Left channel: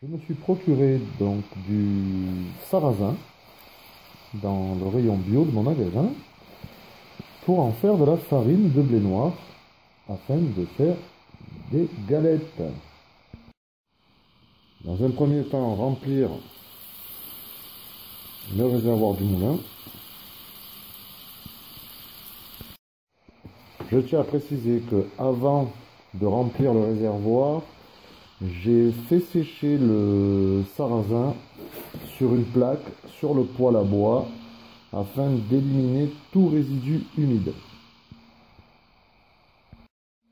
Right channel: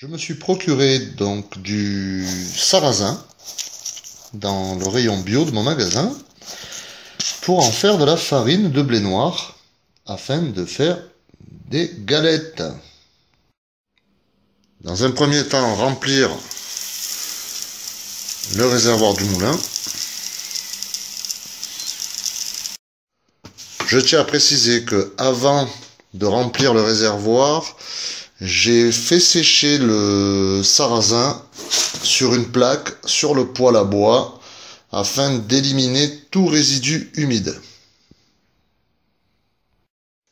Je me suis procuré donc du sarrasin dans le rayon bio de mon magasin pour en faire de la farine de blé noir afin de faire des galettes. Dans un premier temps, remplir le réservoir du moulin. Je tiens à préciser que avant de remplir le réservoir, j'ai fait sécher le sarrasin sur une plaque sur le poêle à bois afin d'éliminer tout résidu humide.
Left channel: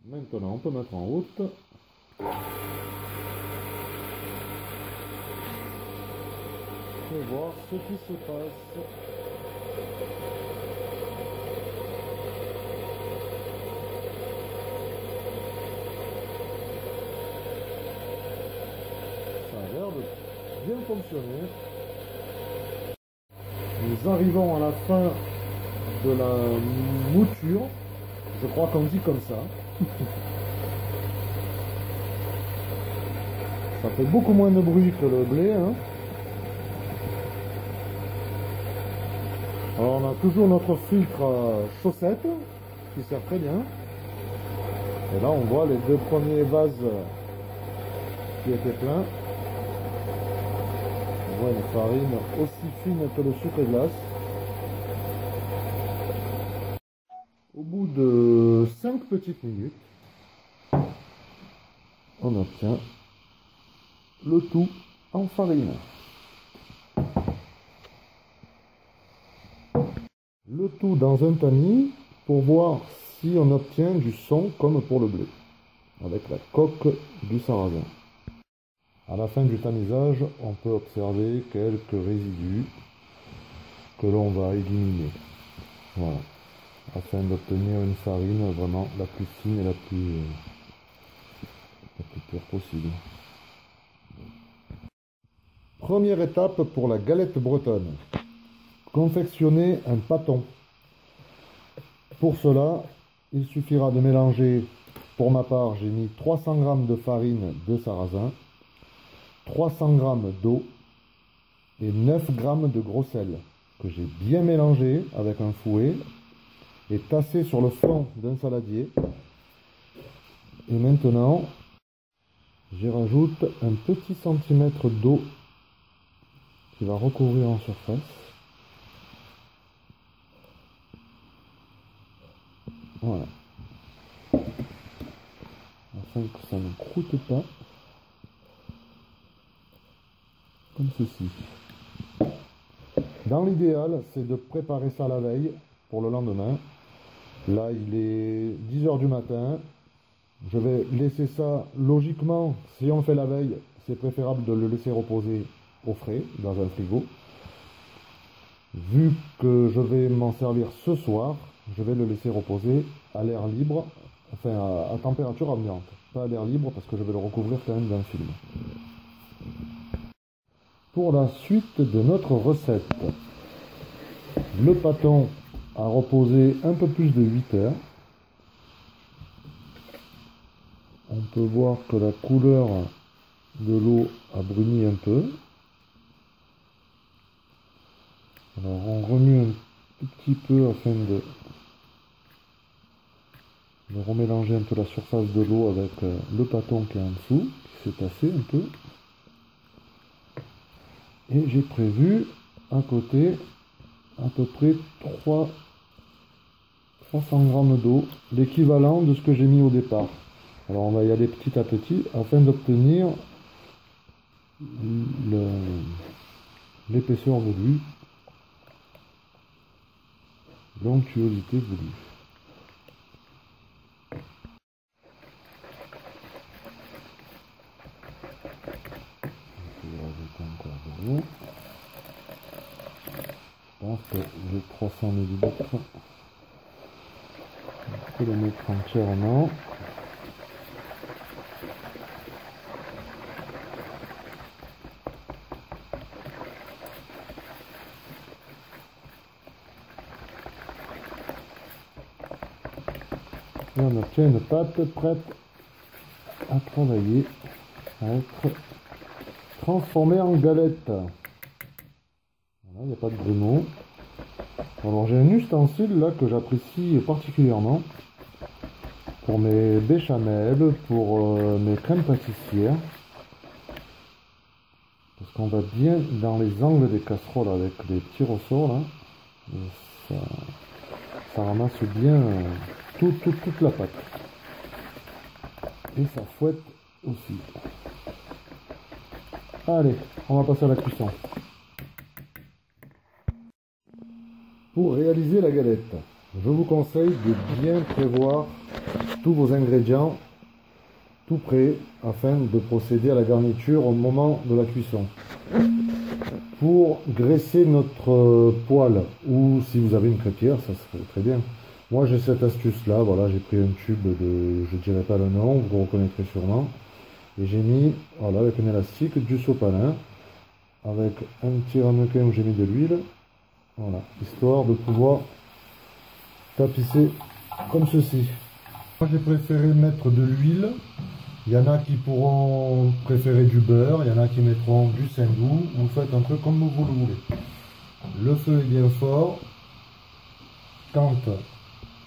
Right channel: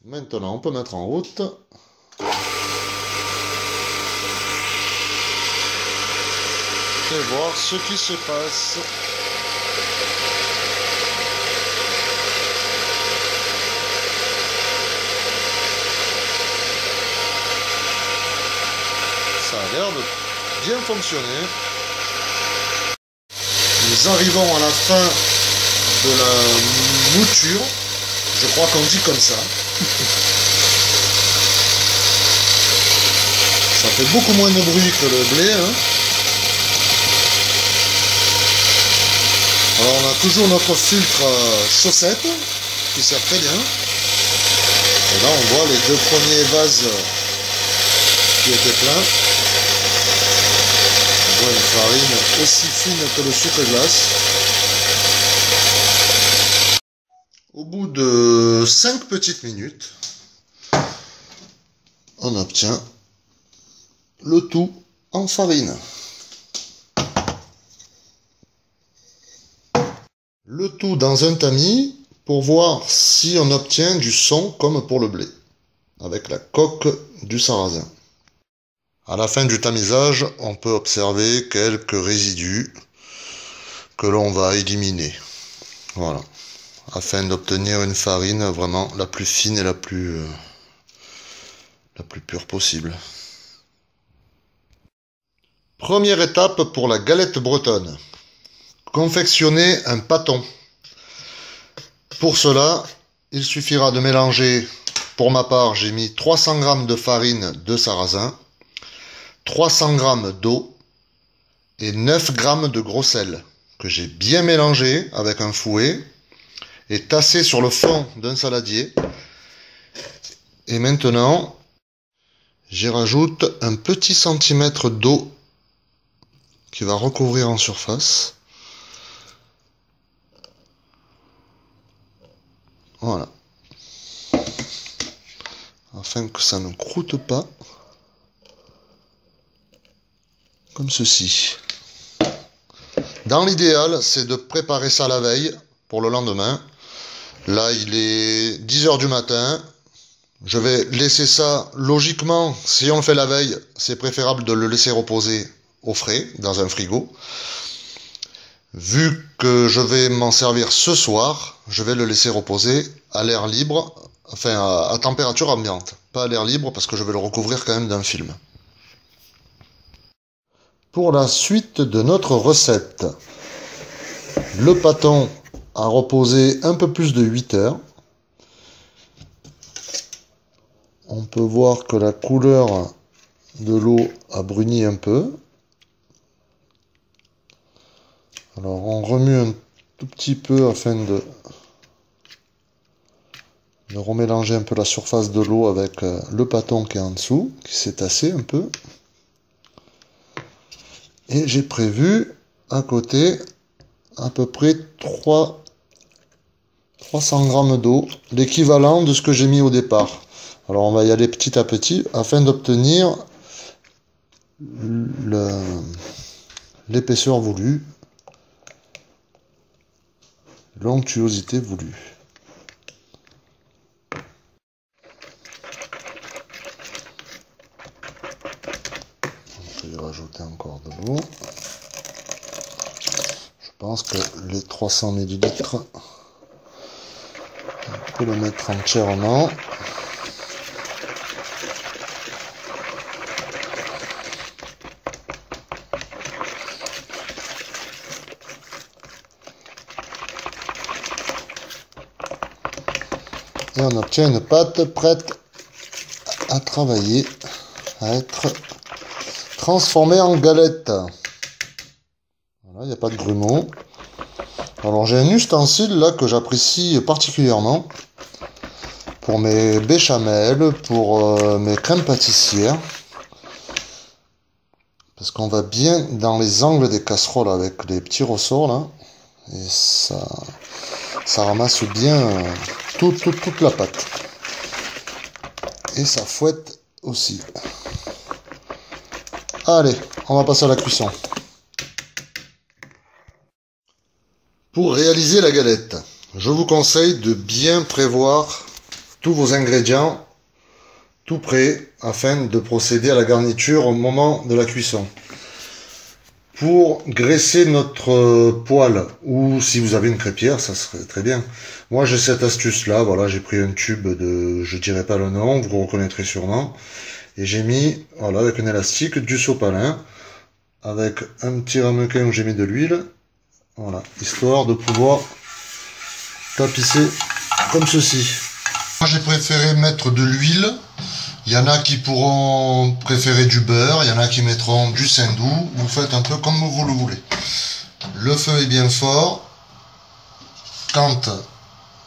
Maintenant, on peut mettre en route. Et voir ce qui se passe. Ça a l'air de bien fonctionner. Nous arrivons à la fin de la mouture. Je crois qu'on dit comme ça. Ça fait beaucoup moins de bruit que le blé, hein. Alors on a toujours notre filtre chaussette qui sert très bien. Et là on voit les deux premiers vases qui étaient pleins. On voit une farine aussi fine que le sucre glace. Au bout de 5 petites minutes, on obtient le tout en farine. Le tout dans un tamis pour voir si on obtient du son comme pour le blé, avec la coque du sarrasin. À la fin du tamisage, on peut observer quelques résidus que l'on va éliminer. Voilà, afin d'obtenir une farine vraiment la plus fine et la plus pure possible. Première étape pour la galette bretonne. Confectionner un pâton. Pour cela, il suffira de mélanger, pour ma part, j'ai mis 300 g de farine de sarrasin, 300 g d'eau et 9 g de gros sel que j'ai bien mélangé avec un fouet et tassé sur le fond d'un saladier. Et maintenant, j'y rajoute un petit centimètre d'eau qui va recouvrir en surface. Voilà. Afin que ça ne croûte pas. Comme ceci. Dans l'idéal, c'est de préparer ça la veille pour le lendemain. Là, il est 10 h du matin. Je vais laisser ça, logiquement, si on le fait la veille, c'est préférable de le laisser reposer au frais, dans un frigo. Vu que je vais m'en servir ce soir, je vais le laisser reposer à l'air libre, enfin à température ambiante. Pas à l'air libre parce que je vais le recouvrir quand même d'un film. Pour la suite de notre recette, le pâton a reposé un peu plus de 8 heures. On peut voir que la couleur de l'eau a bruni un peu. Alors on remue un tout petit peu afin de remélanger un peu la surface de l'eau avec le pâton qui est en dessous, qui s'est tassé un peu. Et j'ai prévu à côté à peu près 300 g d'eau, l'équivalent de ce que j'ai mis au départ. Alors on va y aller petit à petit afin d'obtenir l'épaisseur voulue, l'onctuosité voulue. Je vais rajouter encore de l'eau. Je pense que les 300 ml, on peut le mettre entièrement. Et on obtient une pâte prête à travailler, à être transformer en galette. Voilà, il n'y a pas de grumeaux. Alors j'ai un ustensile là que j'apprécie particulièrement pour mes béchamels, pour mes crèmes pâtissières. Parce qu'on va bien dans les angles des casseroles avec les petits ressorts là. Et ça ramasse bien toute la pâte. Et ça fouette aussi. Allez, on va passer à la cuisson. Pour réaliser la galette, je vous conseille de bien prévoir tous vos ingrédients tout prêts afin de procéder à la garniture au moment de la cuisson. Pour graisser notre poêle, ou si vous avez une crêpière, ça serait très bien. Moi j'ai cette astuce là, voilà, j'ai pris un tube de, je dirais pas le nom, vous reconnaîtrez sûrement, et j'ai mis, voilà, avec un élastique, du sopalin, avec un petit ramequin où j'ai mis de l'huile, voilà, histoire de pouvoir tapisser comme ceci. Moi j'ai préféré mettre de l'huile. Il y en a qui pourront préférer du beurre, il y en a qui mettront du saindoux. Vous faites un peu comme vous le voulez. Le feu est bien fort. Quand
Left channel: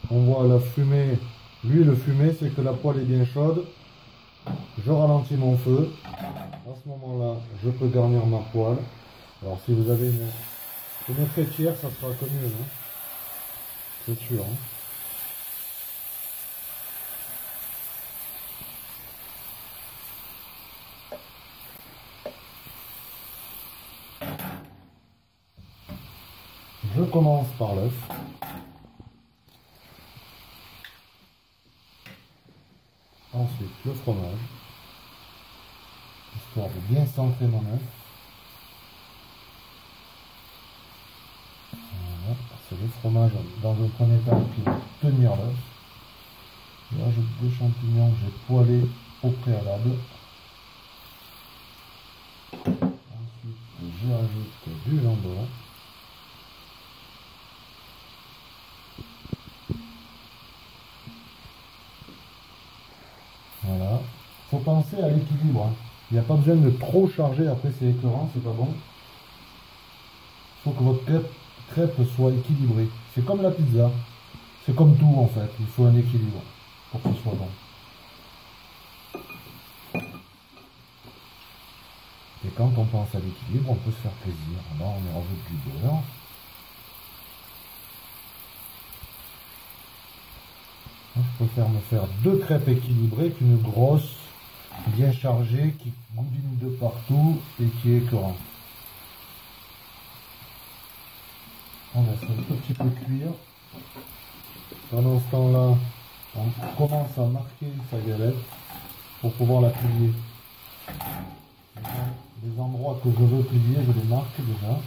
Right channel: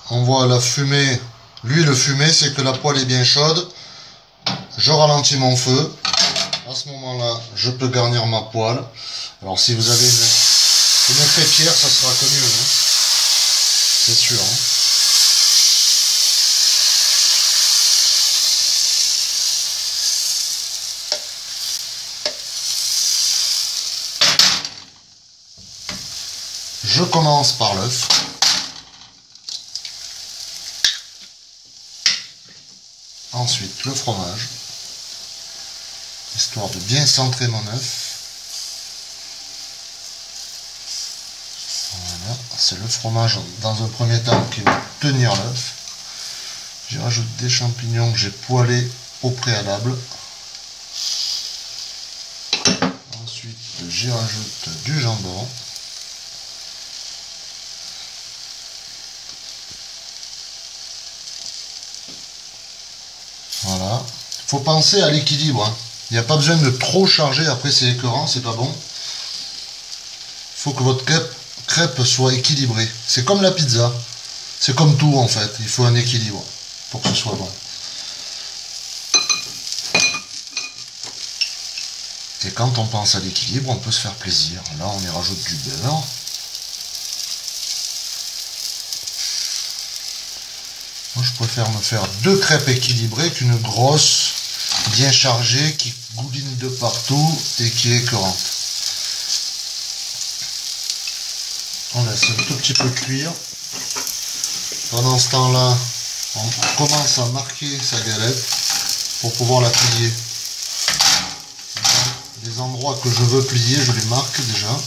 on voit la fumée, l'huile fumée, c'est que la poêle est bien chaude. Je ralentis mon feu. À ce moment-là, je peux garnir ma poêle. Alors si vous avez une crêpière, ça sera que mieux, hein. C'est sûr. Hein. Je commence par l'œuf. Ensuite le fromage, histoire de bien centrer mon œuf. Voilà, c'est le fromage dans un premier temps qui va tenir l'œuf. J'y rajoute des champignons que j'ai poêlés au préalable. Ensuite j'y rajoute du jambon. Voilà, il faut penser à l'équilibre. Hein. Il n'y a pas besoin de trop charger, après c'est écœurant, c'est pas bon. Il faut que votre crêpe soit équilibrée. C'est comme la pizza, c'est comme tout en fait, il faut un équilibre pour que ce soit bon. Et quand on pense à l'équilibre, on peut se faire plaisir. Là on y rajoute du beurre. Moi, je préfère me faire 2 crêpes équilibrées qu'une grosse, bien chargée, qui gouline de partout et qui est écœurante. On laisse un tout petit peu cuire. Pendant ce temps-là, on commence à marquer sa galette pour pouvoir la plier. Les endroits que je veux plier, je les marque déjà.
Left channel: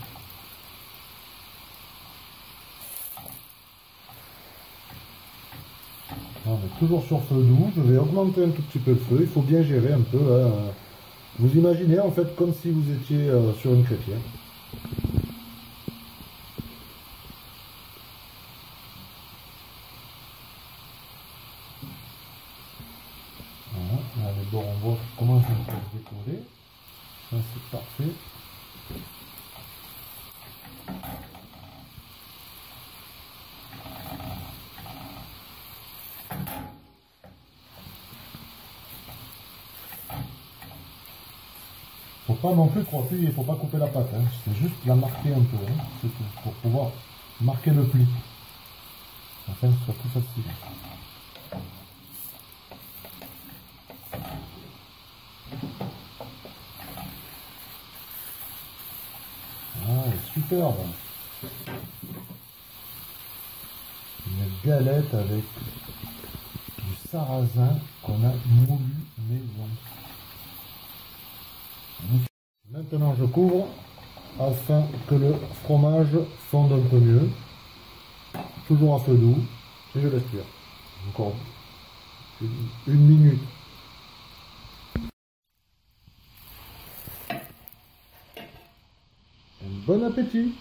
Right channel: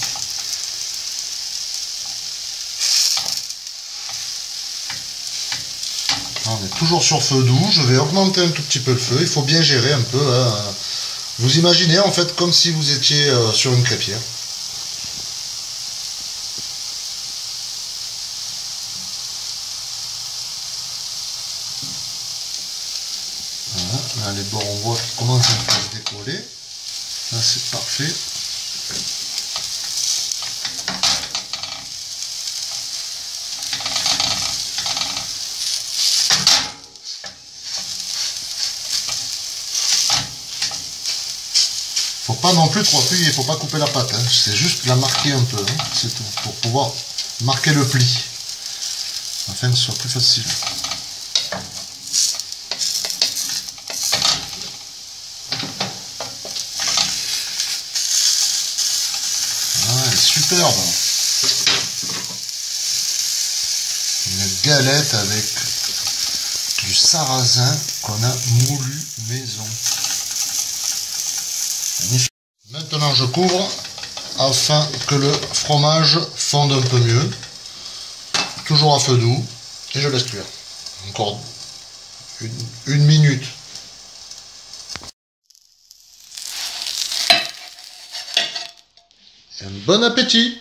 On est toujours sur feu doux, je vais augmenter un tout petit peu le feu, il faut bien gérer un peu. Hein. Vous imaginez en fait comme si vous étiez sur une crêpière. Voilà, là les bords on voit qu'ils commencent un peu à se décoller. Là c'est parfait. Faut pas non plus trop appuyer, faut pas couper la pâte, hein. C'est juste la marquer un peu, hein. C'est tout, pour pouvoir marquer le pli, afin que ce soit plus facile. Ah, elle est superbe. Une galette avec du sarrasin qu'on a moulu maison. Maintenant je couvre afin que le fromage fonde un peu mieux, toujours à feu doux, et je laisse cuire encore une minute. Et un bon appétit!